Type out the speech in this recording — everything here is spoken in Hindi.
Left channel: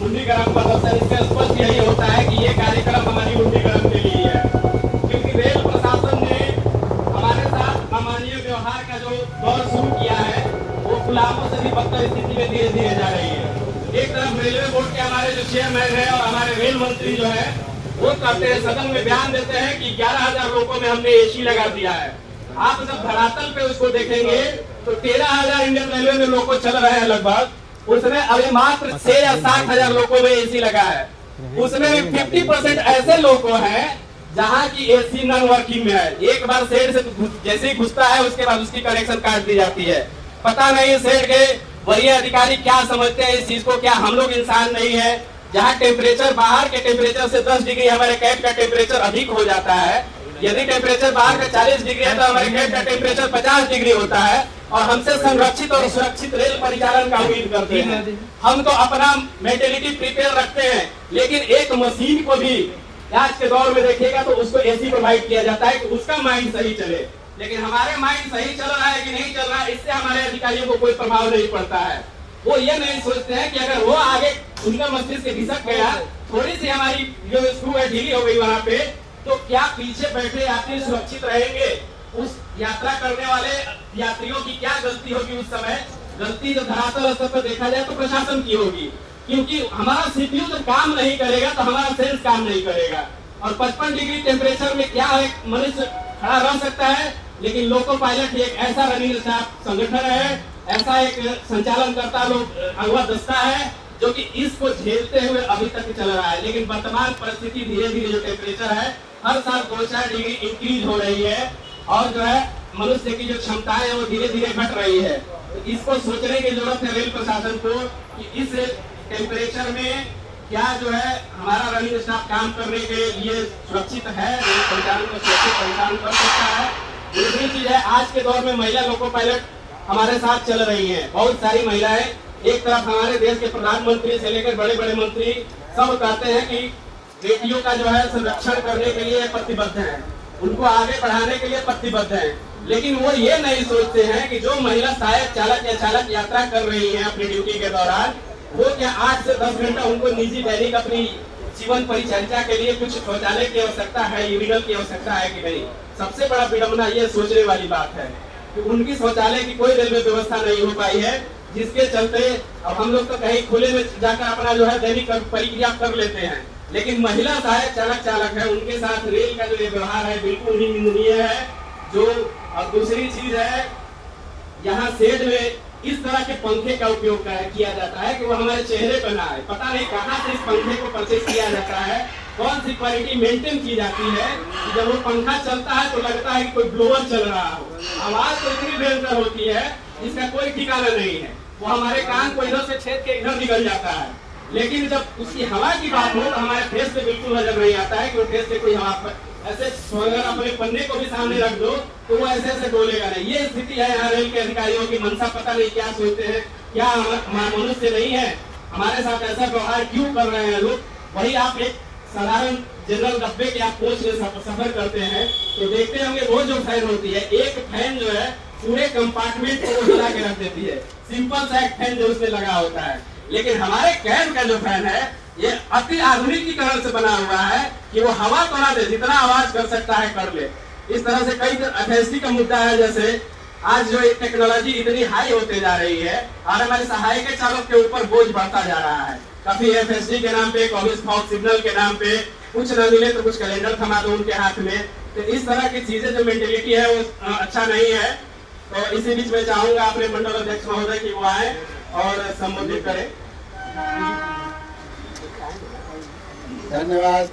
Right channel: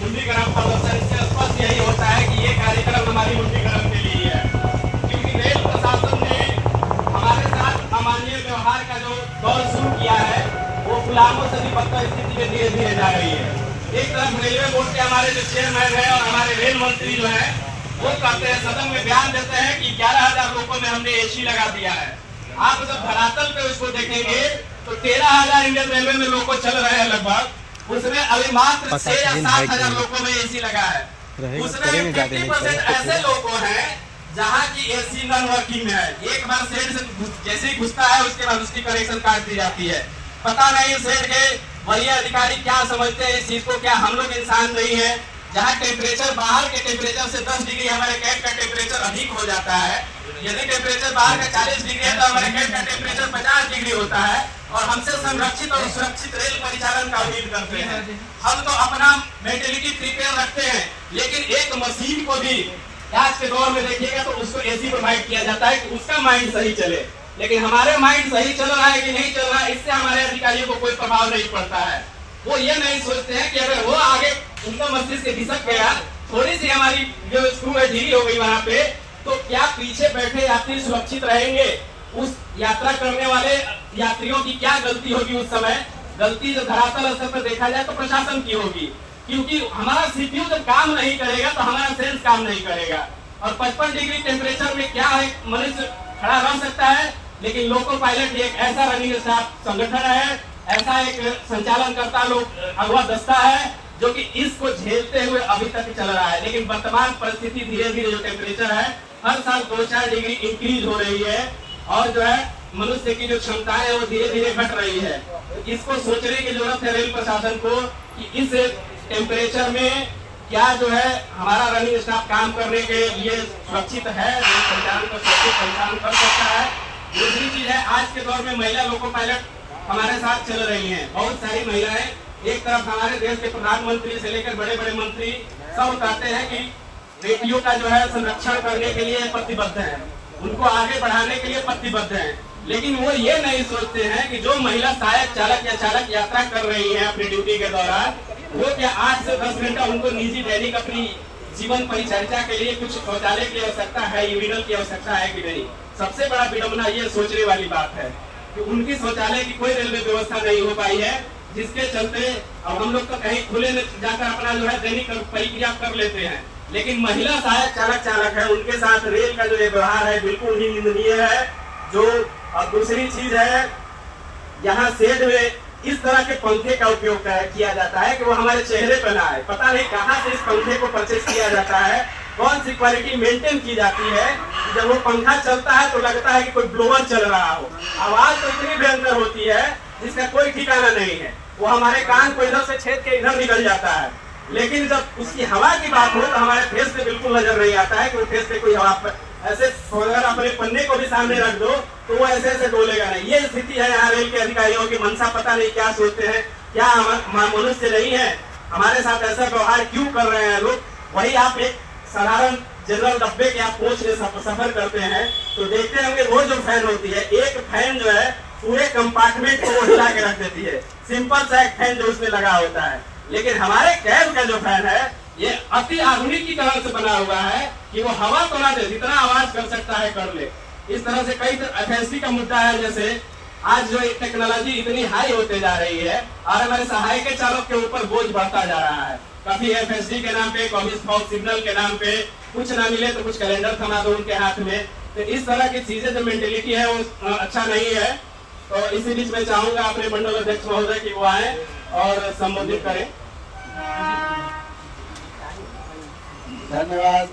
मुंडीगरम प्रदर्शन इसका स्पष्ट यही होता है कि ये कार्यक्रम हमारी मुंडीगरम के लिए है, क्योंकि रेल प्रशासन ने हमारे साथ अमानवीय व्यवहार का जो दौर शुरू किया है वो गुलामों से भी बदतर स्थिति में धीरे धीरे जा रही है। एक तरफ रेलवे बोर्ड के हमारे जो चेयरमैन है और हमारे रेल मंत्री जो है वो कहते हैं, सदन में बयान देते हैं कि 11,000 लोगों में हमने एसी लगा दिया है। आप जब धरातल पे उसको देखेंगे तो 13,000 इंडियन रेलवे में लोग चल रहे हैं लगभग, उसमें अभी मात्र 6 या 7,000 लोगों में एसी लगा है। उसमें 50% ऐसे लोग हैं जहाँ की एसी नॉन वर्किंग में है। एक बार शेड से जैसे ही घुसता है उसके बाद उसकी कनेक्शन काट दी जाती है। पता नहीं शेड के वही अधिकारी क्या समझते हैं इस चीज को, क्या हम लोग इंसान नहीं है? जहाँ टेम्परेचर बाहर के टेम्परेचर से 10 डिग्री हमारे कैब का टेम्परेचर अधिक हो जाता है। यदि टेम्परेचर बाहर का 40 डिग्री है तो हमारे कैब का टेम्परेचर 50 डिग्री होता है और हमसे संरक्षित और सुरक्षित रेल परिचालन का उम्मीद करते हैं। हम तो अपना मेंटेलिटी प्रिपेयर रखते हैं, लेकिन एक मशीन को भी आज के दौर में देखिएगा तो उसको एसी प्रोवाइड किया जाता है कि उसका माइंड सही चले, लेकिन हमारे माइंड सही चल रहा है कि नहीं चल रहा है इससे हमारे अधिकारियों को कोई प्रभाव नहीं पड़ता है। वो ये नहीं सोचते हैं कि अगर वो आगे उनका मस्तिष्क खिसक गया, थोड़ी सी हमारी जो स्क्रू है ढीली हो गई वहां पे, तो क्या पीछे बैठे यात्री सुरक्षित रहेंगे? उस यात्रा करने वाले यात्रियों की क्या गलती होगी? उस समय गलती जो धरातल स्तर पर देखा जाए तो प्रशासन की होगी, क्योंकि हमारा सीपीयू जब काम नहीं करेगा तो हमारा सेंस काम नहीं करेगा। और 55 डिग्री टेम्परेचर में क्या है मनुष्य खड़ा रह सकता है, लेकिन लोको पायलट एक ऐसा रनिंग स्टाफ संगठन है, ऐसा एक संचालन करता लोग अगवा दस्ता है जो कि इसको झेलते हुए अभी तक चल रहा है। लेकिन वर्तमान परिस्थिति धीरे धीरे जो टेम्परेचर है हर साल 2-4 डिग्री इंक्रीज हो रही है और जो है मनुष्य की जो क्षमताएं है वो धीरे धीरे घट रही है। तो इसको सोचने की जरूरत है रेल प्रशासन को कि इस टेम्परेचर में क्या जो है हमारा रनिंग स्टाफ काम करने के लिए सुरक्षित है, रेल परिचालन को सुरक्षित परिचालन कर सकता है। दूसरी चीज है, आज के दौर में महिला लोको पायलट हमारे साथ चल रही हैं, बहुत सारी महिलाएं। एक तरफ हमारे देश के प्रधानमंत्री से लेकर बड़े बड़े मंत्री सब कहते हैं कि बेटियों का जो है संरक्षण करने के लिए प्रतिबद्ध हैं, उनको आगे बढ़ाने के लिए प्रतिबद्ध हैं, लेकिन वो ये नहीं सोचते हैं कि जो महिला सहायक चालक या चालक यात्रा कर रही है अपनी ड्यूटी के दौरान, वो क्या 8 से 10 घंटा उनको निजी दैनिक अपनी जीवन परिचर्या के लिए कुछ शौचालय की आवश्यकता है, यूरिनल की आवश्यकता है कि नहीं? सबसे बड़ा विडंबना ये सोचने वाली बात है कि उनकी शौचालय की कोई रेलवे व्यवस्था नहीं हो पाई है, जिसके चलते अब हम लोग तो कहीं खुले में जाकर अपना जो है दैनिक परिक्रिया कर लेते हैं, लेकिन महिला सहायक चालक है उनके साथ रेल का जो ये व्यवहार है बिल्कुल ही निंदनीय है। जो और दूसरी चीज है, यहाँ शेड में इस तरह के पंखे का उपयोग किया जाता है कि वो हमारे चेहरे पर ना आए। पता नहीं कहाँ से इस पंखे को परचेज किया जाता है, कौन सी क्वालिटी मेंटेन की जाती है कि जब वो पंखा चलता है तो लगता है कि कोई ब्लोअर चल रहा हो। आवाज तो इतनी भयंकर होती है जिसका कोई ठिकाना नहीं है, वो हमारे कान को इधर से छेद के इधर निकल जाता है, लेकिन जब उसकी हवा की बात हो तो हमारे फेस पे बिल्कुल नजर नहीं आता है कि वो फेस पे कोई हवा ऐसे अगर अपने पन्ने को भी सामने रख दो तो वो ऐसे ऐसे डोलेगा नहीं। ये स्थिति है यहाँ रेल के अधिकारियों की मंशा, पता नहीं क्या सोचते हैं, क्या मनुष्य नहीं है, हमारे साथ ऐसा व्यवहार क्यों कर रहे हैं लोग? वही आप एक साधारण जनरल डब्बे के आप कोच में सफर करते हैं तो देखते होंगे वो जो फैन होती है, एक फैन जो है पूरे कंपार्टमेंट को हिला के रख देती है, सिंपल सा एक फैन जो उसमें लगा होता है। लेकिन हमारे कैब का जो फैन है ये अति आधुनिकीकरण से बना हुआ है कि वो हवा तो ना दे, जितना आवाज कर सकता है कर ले। इस तरह से कई एफएसटी का मुद्दा है, जैसे आज जो टेक्नोलॉजी इतनी हाई होते जा रही है और हमारे सहायक चालक के ऊपर बोझ बढ़ता जा रहा है। काफी एफएसटी के नाम पे, कॉलेज फॉक्स सिग्नल के नाम पे कुछ न मिले तो कुछ कैलेंडर थमा दो उनके हाथ में। तो इस तरह की चीजें जो मेंटेलिटी है वो अच्छा नहीं है। तो इसी बीच में चाहूंगा अपने मंडल अध्यक्ष महोदय की वो आए और संबोधित करें। धन्यवाद।